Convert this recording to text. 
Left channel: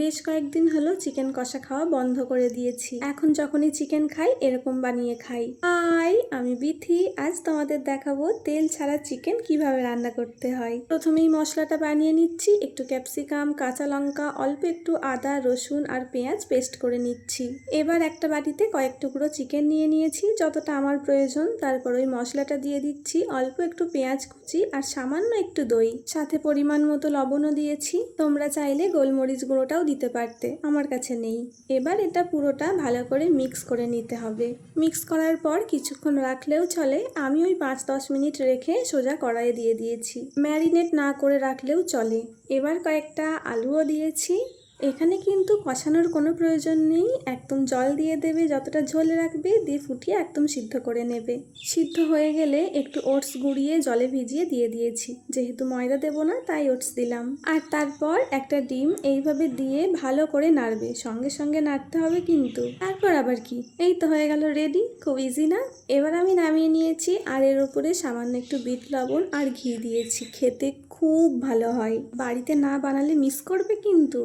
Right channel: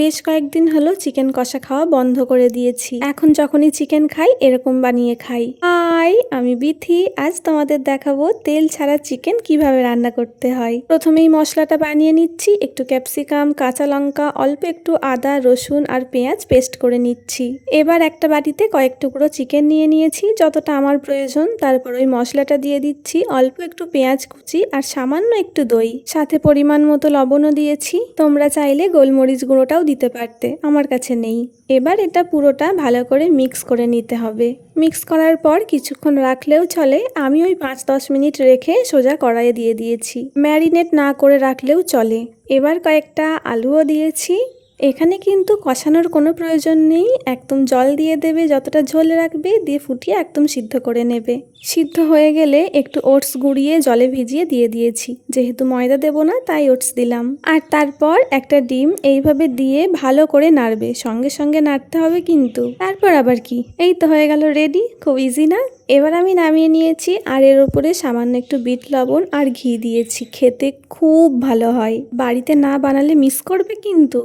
বেশ কয়েকদিন হলো চিকেন কষা খাওয়া বন্ধ করে দিয়েছি। এখন যখনই চিকেন খাই এরকম বানিয়ে খাই। হাই, আমি বিথি। আজ তোমাদের দেখাবো তেল ছাড়া চিকেন কিভাবে রান্না করতে হয়। প্রথমেই মশলাটা বানিয়ে নিচ্ছি। একটু ক্যাপসিকাম, কাঁচা লঙ্কা, অল্প একটু আদা, রসুন আর পেঁয়াজ পেস্ট করে নিচ্ছি। এবার একটা বাটিতে কয়েক টুকরো চিকেন নিয়ে নিয়েছি, যতটা আমার প্রয়োজন। তারপর ওই মশলাটা দিয়ে দিচ্ছি, অল্প একটু পেঁয়াজ কুচি আর সামান্য একটু দই, সাথে পরিমাণ মতো লবণও দিয়েছি। তোমরা চাইলে গোলমরিচ গুঁড়োটাও দিতে পারতে, আমার কাছে নেই। এবার এটা পুরোটা ভালো করে মিক্স করে নিতে হবে। মিক্স করার পর কিছুক্ষণ রাখলেও চলে। আমি ওই 5-10 মিনিট রেখে সোজা কড়াইয়ে দিয়ে দিয়েছি। ম্যারিনেট না করে রাখলেও চলে। এবার কয়েকটা আলুও দিয়েছি। এখানে কিন্তু কষানোর কোনো প্রয়োজন নেই, একদম জল দিয়ে দেবে, যতটা ঝোল রাখবে, দিয়ে ফুটিয়ে একদম সিদ্ধ করে নেবে। সিদ্ধ হয়ে গেলে একটু ওটস গুঁড়িয়ে জলে ভিজিয়ে দিয়ে দিয়েছি, যেহেতু ময়দা দেবো না তাই ওটস দিলাম। আর তারপর একটা ডিম এইভাবে দিয়ে ভালো করে নাড়বে, সঙ্গে সঙ্গে নাড়তে হবে কিন্তু। তারপর আবার কি, এই তো হয়ে গেল রেডি। খুব ইজি না? এবার আমি নামিয়ে নিয়েছি, আর এর উপরে সামান্য একটু বিট লবণ আর ঘি দিয়েছি। খেতে খুব ভালো হয়, বাড়িতে না বানালে মিস করবে কিন্তু।